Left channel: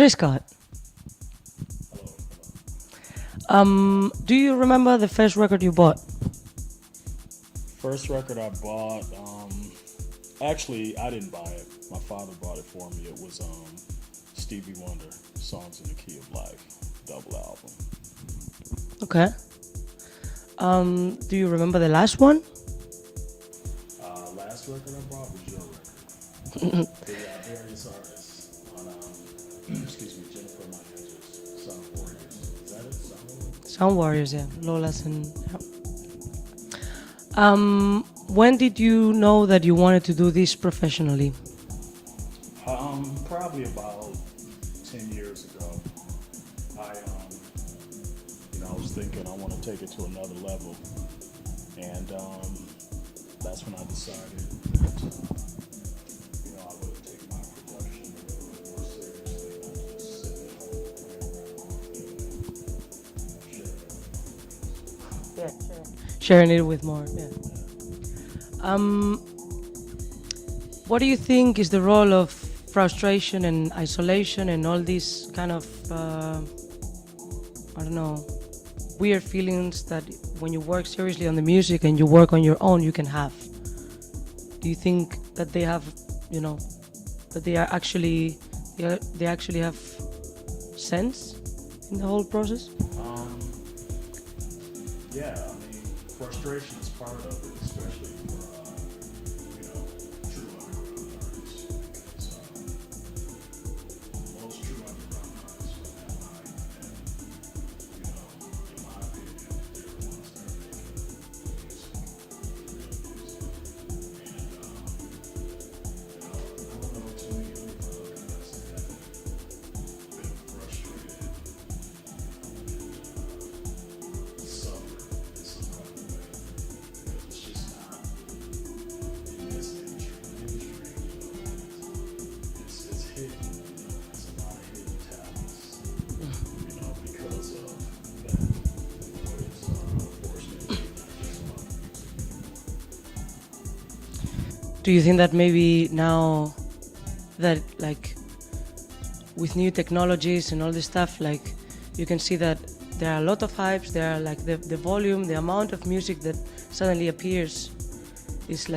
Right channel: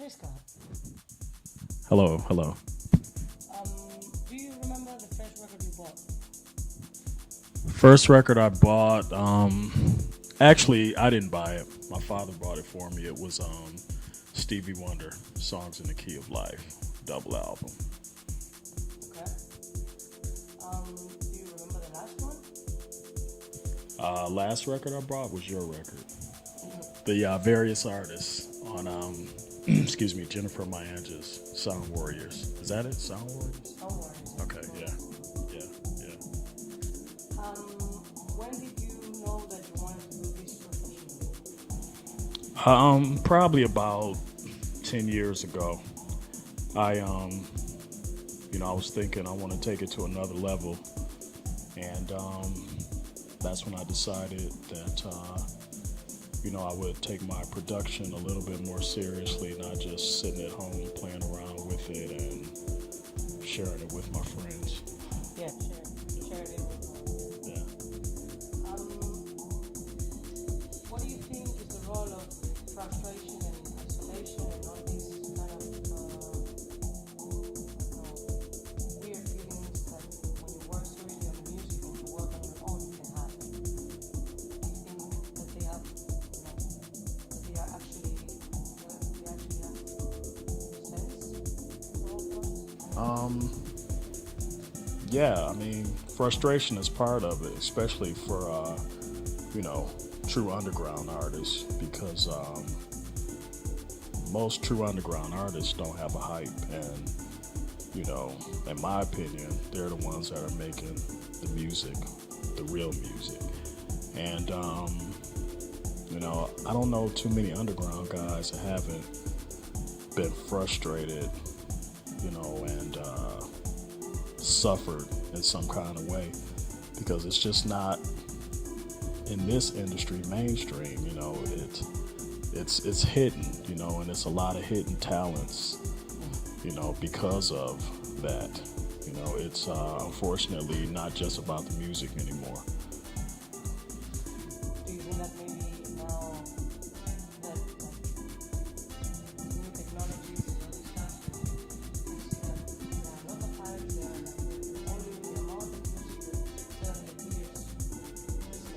Triscott, Hello, hello. do you remember the first record you bought? First record I bought, actually I didn't buy it. My father bought it for me. It was Stevie Wonder, Songs in the Key of Life, double album. Okay. Do you remember the last one? Last record I bought was your record. The various artists on, excuse me, Jennifer Mayanja's Sound Warriors. Is that it? Sound Warriors? Sound Warriors, yeah. Okay. Lola's and. Yeah. When did you know that you wanted to do this professionally? Probably about 10 years ago. I, I was thinking I want to take it to another level, and that's when I decided that, I would take my production a little bit more seriously, not just sitting at home playing around with it and sharing it with my friends. Yeah, sharing it with more. Yeah. Yeah. What do you think is the role of frustration and isolation and all these kind of, weird feelings that when you work seriously on the music and you work on your own, you can have? Do you think that they have, that they actually have sense in the whole process? Yeah, frustration is part of it, especially for, true underground artists, because most true underground artists don't have a hype, and, in my opinion, they're the ones that are making the music, the real music. And, I don't know too many underground guys that haven't been frustrated, and suffered in some kind of way, because it's just not in this industry mainstream. It's hidden, and it's a lot of hidden talents, because of that. It's unfortunately not just about the music anymore. Do you think that maybe now that with new technologies and all this stuff, you can see that there are a lot of hypes, there are the volume, the amount of music that suddenly appears is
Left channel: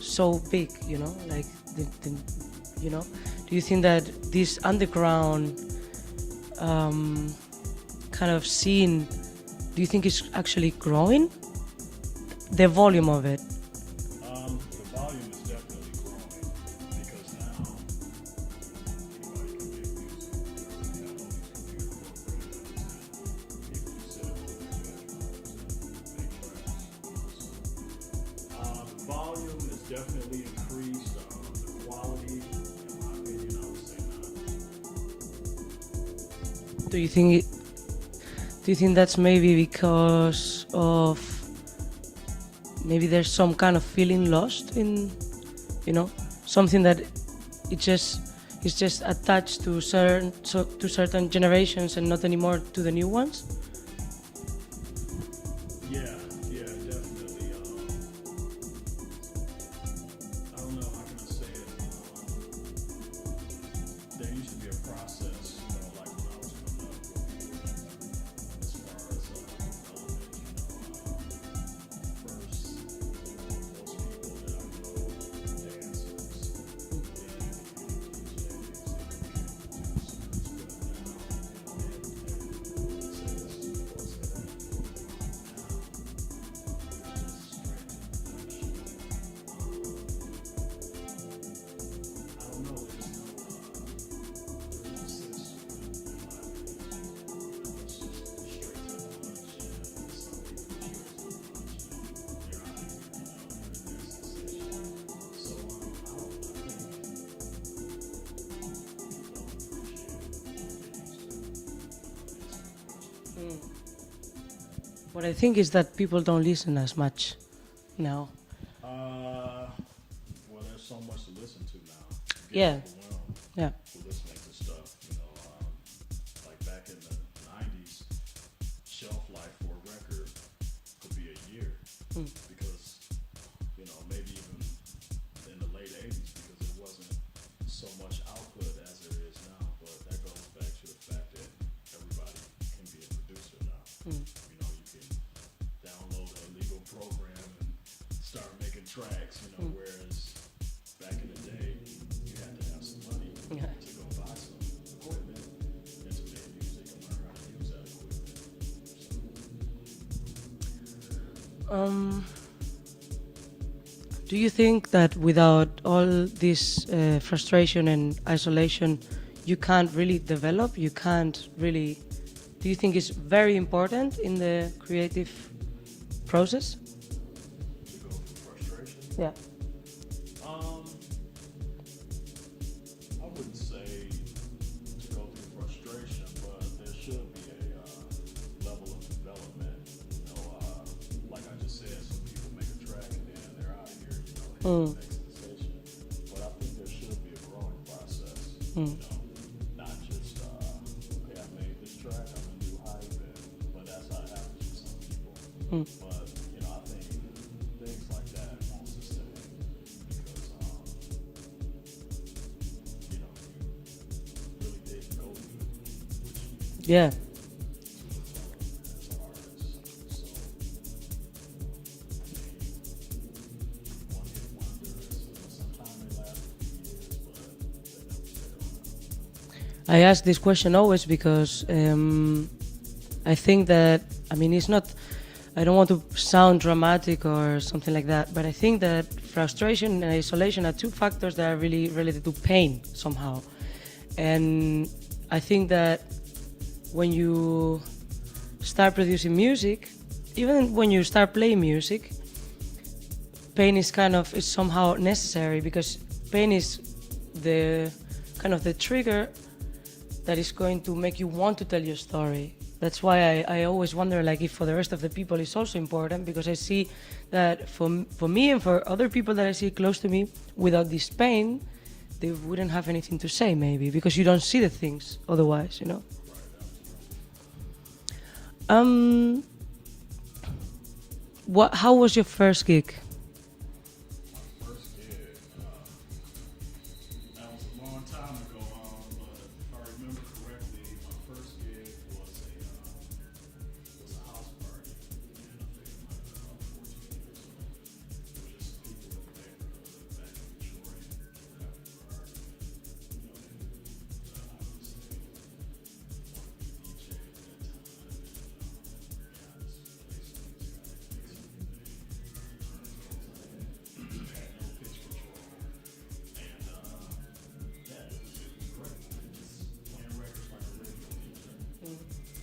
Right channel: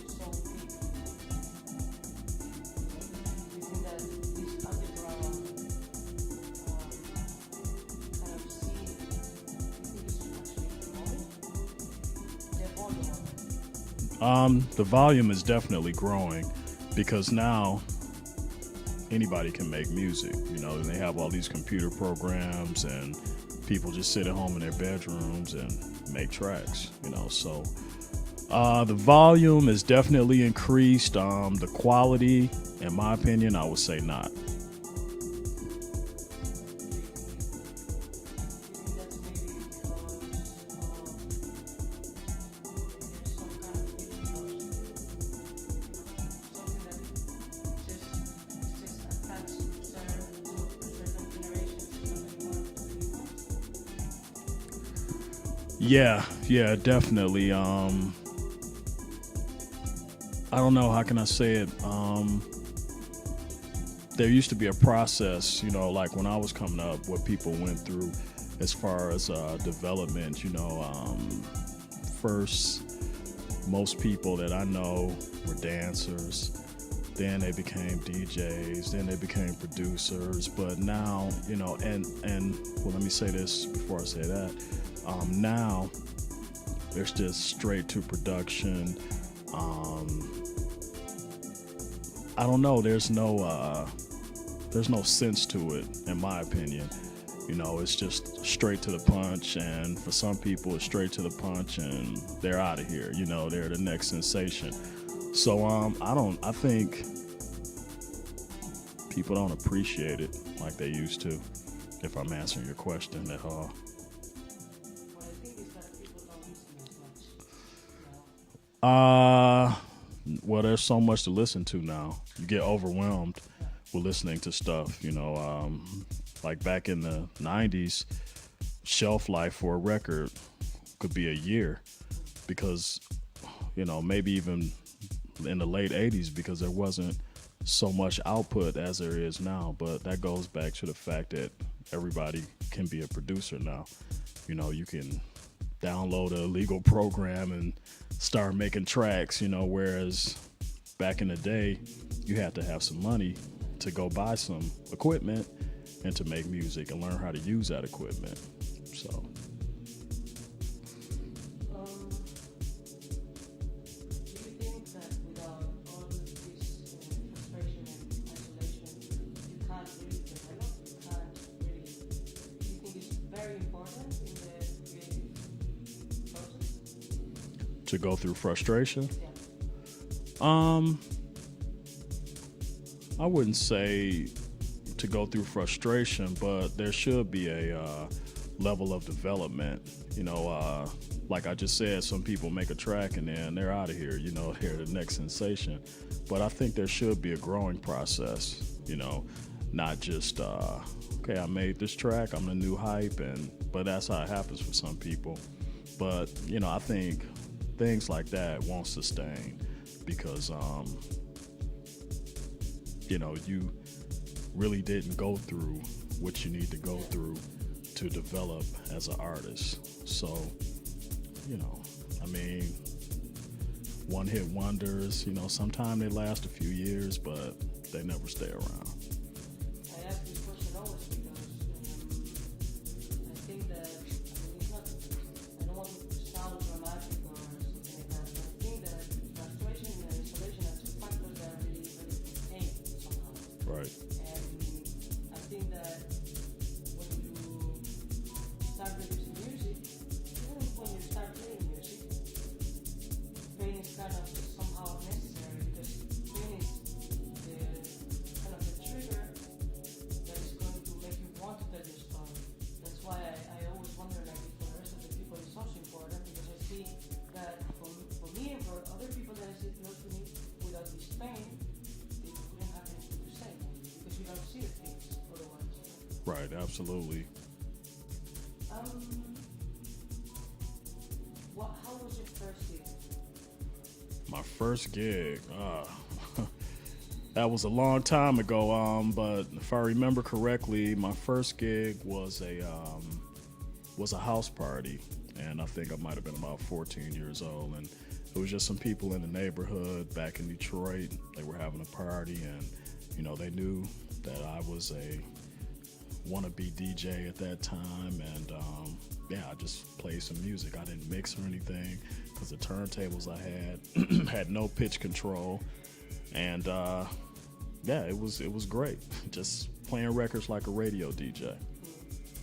so big, do you think that this underground kind of scene, do you think it's actually growing? The volume of it? The volume is definitely growing, because now anybody can make music, and they have all these computer programs, and people just sit at home in their bedrooms and make tracks, so the volume is definitely increased. The quality, in my opinion, I would say not. Do you think that's maybe because of maybe there's some kind of feeling lost in, something that it's just attached to certain generations and not anymore to the new ones? Yeah, definitely. I don't know, how can I say it? There used to be a process, like when I was coming up, what people went through as far as development. First, most people that I know were dancers. Then they became DJs. Then they became producers. But now, and well, let me say this before I say that. Now, there's just straight to production. I don't know. There's no sense to it, in my opinion. It's just straight to the punch, and for some people, it's straight to the punch, and they're out of here. They're the next sensation. So I think people don't appreciate it like they used to. If I'm answering your question at all. What I think is that people don't listen as much now. Well, there's so much to listen to now. You get overwhelmed with listening to stuff. Like back in the 90s, shelf life for a record could be a year, because, maybe even in the late 80s, because there wasn't so much output as there is now. But that goes back to the fact that everybody can be a producer now. You know, you can download a legal program and start making tracks, you know, whereas back in the day, you had to have some money to go buy some equipment and to make music and learn how to use that equipment. So, do you think that without all this frustration and isolation, you can't really develop? You can't really. Do you think it's very important in the creative process? to go through frustration, Yeah. I wouldn't say to go through frustration, but there should be a level of development. You know, like I just said, some people make a track and then they're out of here, you know, hear the next sensation. But I think there should be a growing process, you know, not just, okay, I made this track, I'm the new hype, but that's how it happens for some people. But, you know, I think things like that won't sustain because, you know, you really didn't go through what you need to go through to develop as an artist. So, you know, I mean, one-hit wonders, you know, sometimes they last a few years, but they never stay around. I ask this question always because I think that, I mean, it's not, I don't want to sound dramatic or something like that, but I think that frustration and isolation are two factors that are really related to pain somehow. Right. And I think that when you start producing music, even when you start playing music, pain is is somehow necessary because pain is the kind of the trigger that is going to make you want to tell your story. That's why I always wonder, like, if for the rest of the people it's also important, because I see that for me and for other people that I see close to me, without this pain, they wouldn't have anything to say, maybe, because you don't see the things otherwise, you know? Right, absolutely. How was your first gig? My first gig, that was a long time ago, but if I remember correctly, my first gig was a house party, and I think I might have been about 14 years old, and it was just some people in the neighborhood back in Detroit. They were having a party, and you know, they knew that I was a wannabe DJ at that time, and yeah, I just played some music. I didn't mix or anything because the turntables I had had no pitch control, and yeah, it was great. Just playing records like a radio DJ.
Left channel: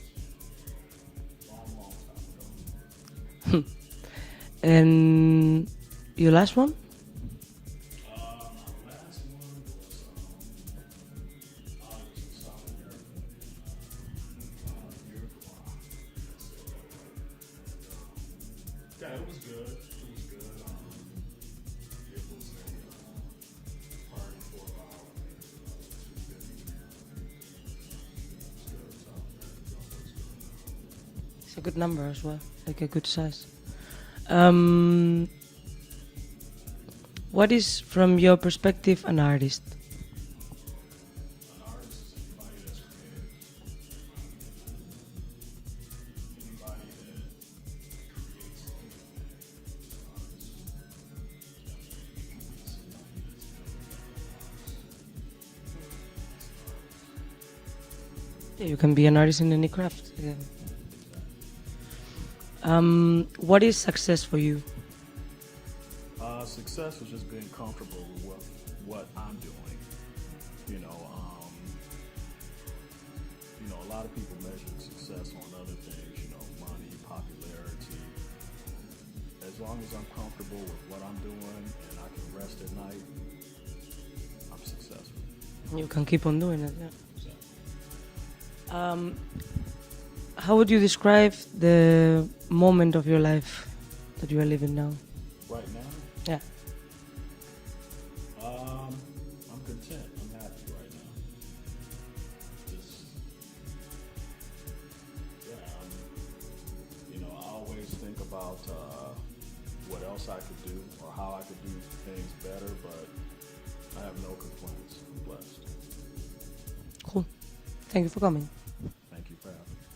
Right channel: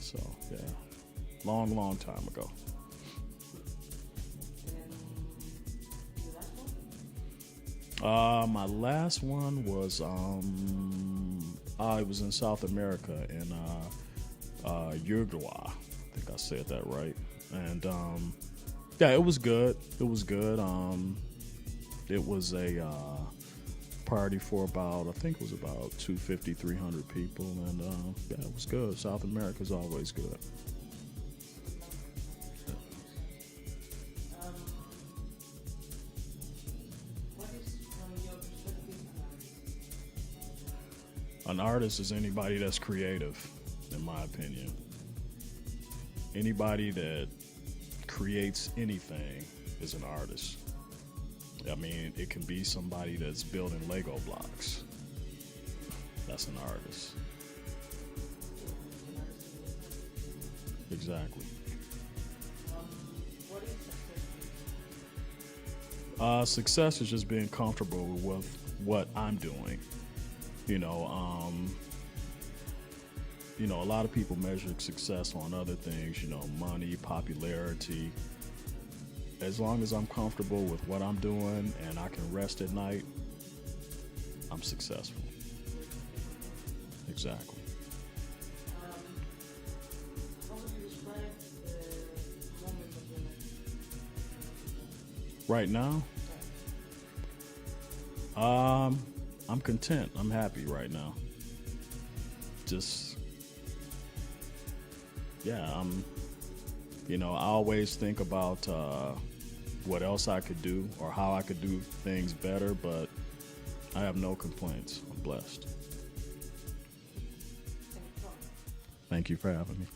So yeah, long time ago. And your last one? My last one was it was in South America in Uruguay. I think I said that right. And yeah, it was good. It was good. It was a party for about, I think it was about 250, 300 people, and yeah, it was good. South America's always good. It's a good number as well, like a good size. What is, from your perspective, an artist? An artist is anybody that's creative, in my opinion. Anybody that creates anything is an artist. I mean, it can be somebody that's building Lego blocks. That's an artist. Yeah, you can be an artist in any craft. Yeah. Exactly. What is success for you? Success is just being comfortable with what I'm doing. You know, a lot of people measure success on other things, you know, money, popularity. As long as I'm comfortable with what I'm doing and I can rest at night, I'm successful. You can keep on doing it. Yeah. Exactly. How would you describe the moment of your life that you are living now? Right now? Yeah. I'm content. I'm happy right now. Just, yeah, I always think about what else I could do or how I could do things better, but I have no complaints. I'm blessed. Cool. Thank you for coming. Thank you for having me.